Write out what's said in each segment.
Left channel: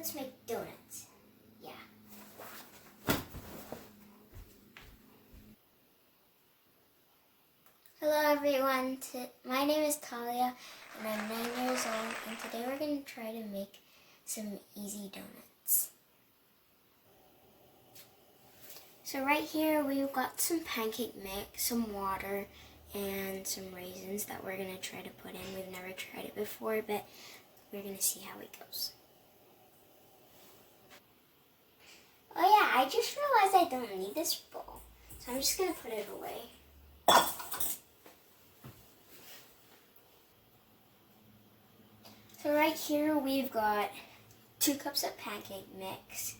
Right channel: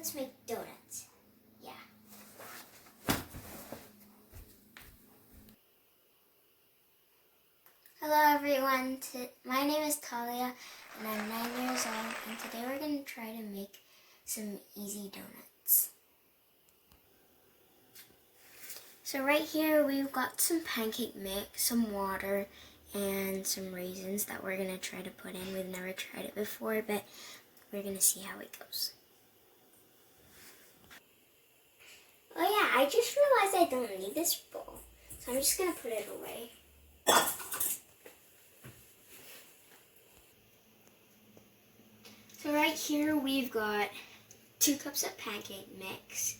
Let's make donuts. Yeah. Hello everyone, my name is Talia and I'm 9 years old, and today we're going to try to make some easy donuts. So right here we've got some pancake mix, some water, and some raisins that we're going to try to put in. We've never tried it before, but we're going to see how it goes. Oh yeah, I just realized I don't need this bowl, so I'm just going to put it away. So right here we've got 2 cups of pancake mix,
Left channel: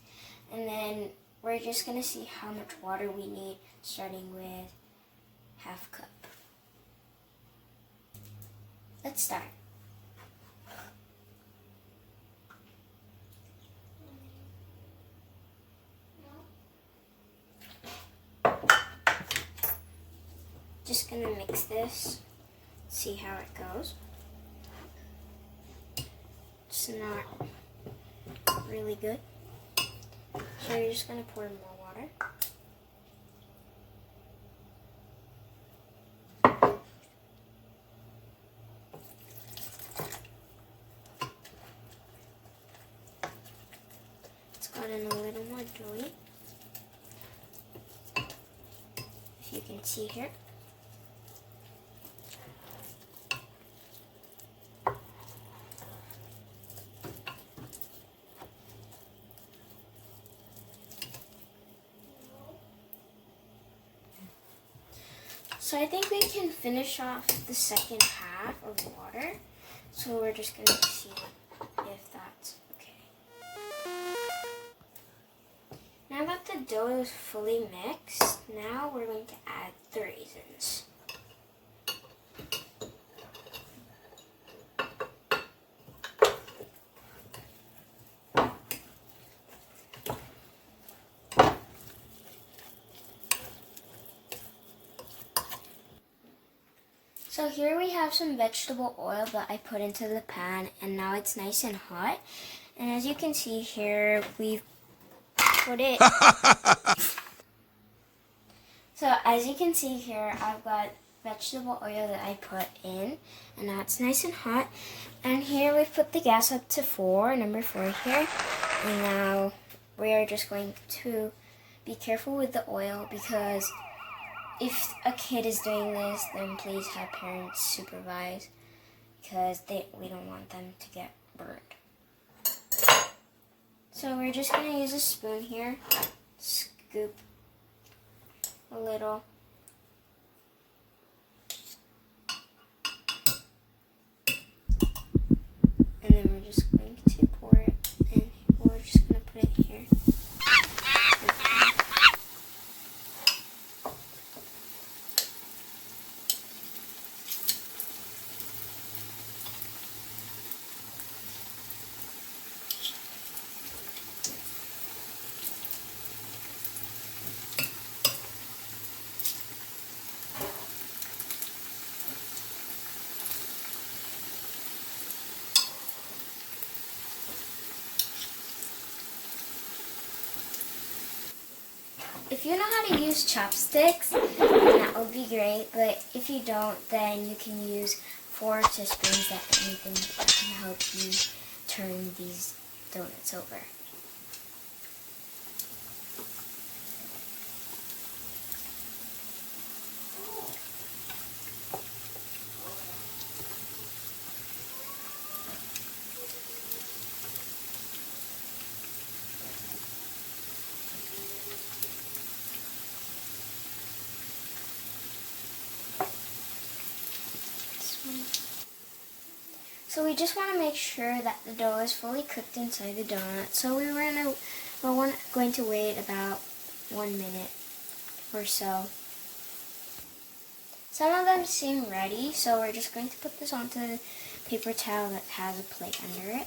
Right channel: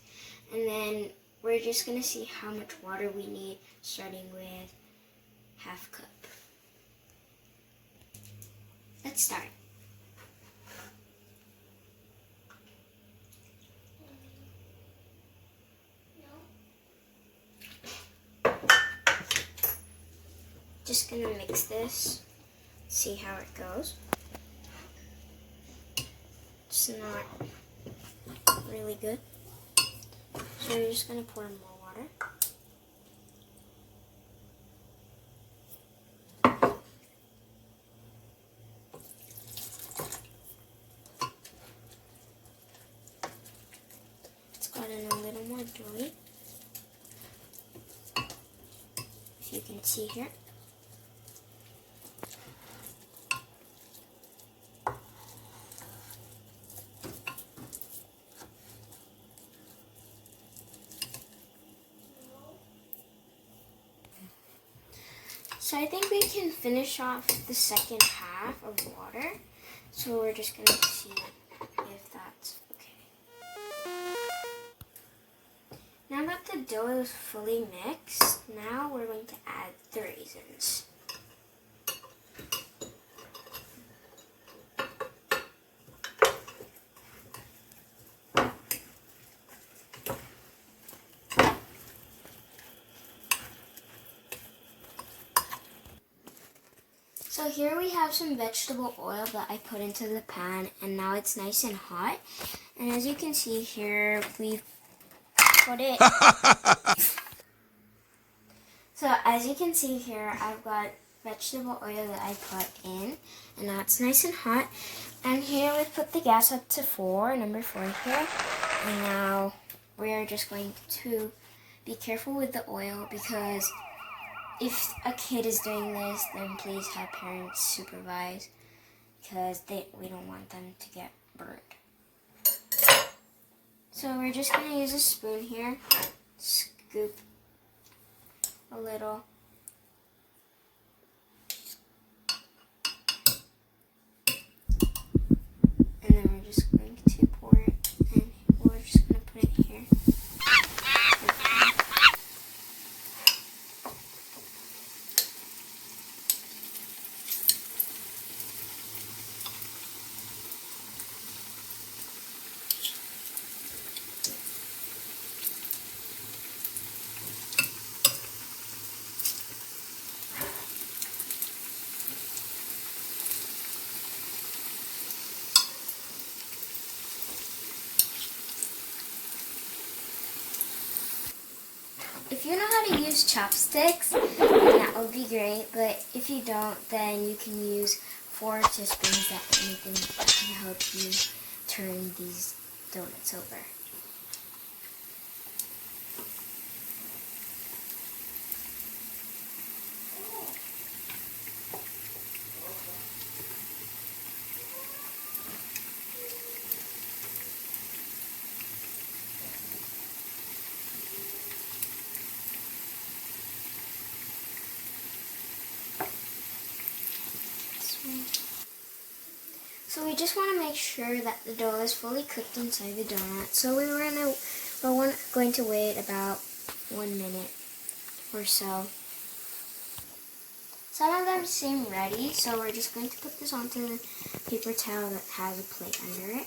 and then we're just going to see how much water we need, starting with ½ cup. Let's start. Just going to mix this, see how it goes. It's not really good, so you're just going to pour in more water. It's gotten a little more doughy, if you can see here. So I think we can finish off the second half of water. So we're just going to see if that's okay. Now that the dough is fully mixed, now we're going to add the raisins. So here we have some vegetable oil that I put into the pan, and now it's nice and hot. And as you can see here, we've put it. So as you can see here, I've got vegetable oil that I put in, and now it's nice and hot. And here we put the gas up to number 4 here. And now we are just going to be careful with the oil, because if a kid is doing this, then please have parents supervise, because we don't want them to get burned. So we're just going to use a spoon here, scoop a little. And then we're just going to pour it, and we're just going to put it here. If you know how to use chopsticks, then that would be great, but if you don't, then you can use forks or spoons that can help you turn these donuts over. So we just want to make sure that the dough is fully cooked inside the donut. So we're going to wait about 1 minute or so. Some of them seem ready, so we're just going to put this onto the paper towel that has a plate under it.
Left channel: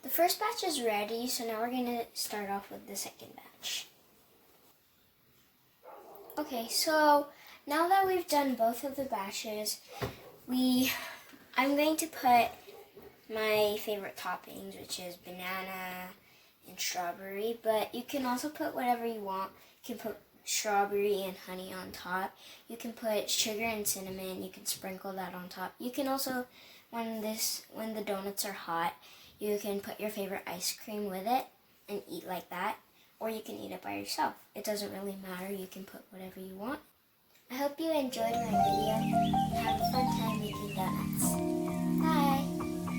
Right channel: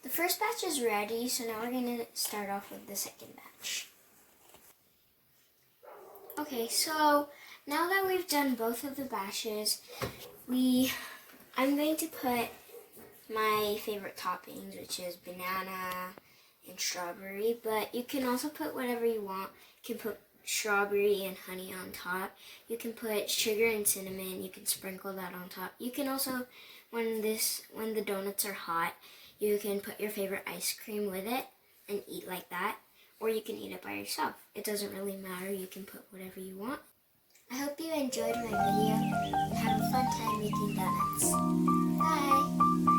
The first batch is ready, so now we're going to start off with the second batch. Okay, so now that we've done both of the batches, I'm going to put my favorite toppings, which is banana and strawberry, but you can also put whatever you want. You can put strawberry and honey on top. You can put sugar and cinnamon. You can sprinkle that on top. You can also, when the donuts are hot, you can put your favorite ice cream with it and eat like that, or you can eat it by yourself. It doesn't really matter. You can put whatever you want. I hope you enjoyed my video and have a fun time making donuts. Bye!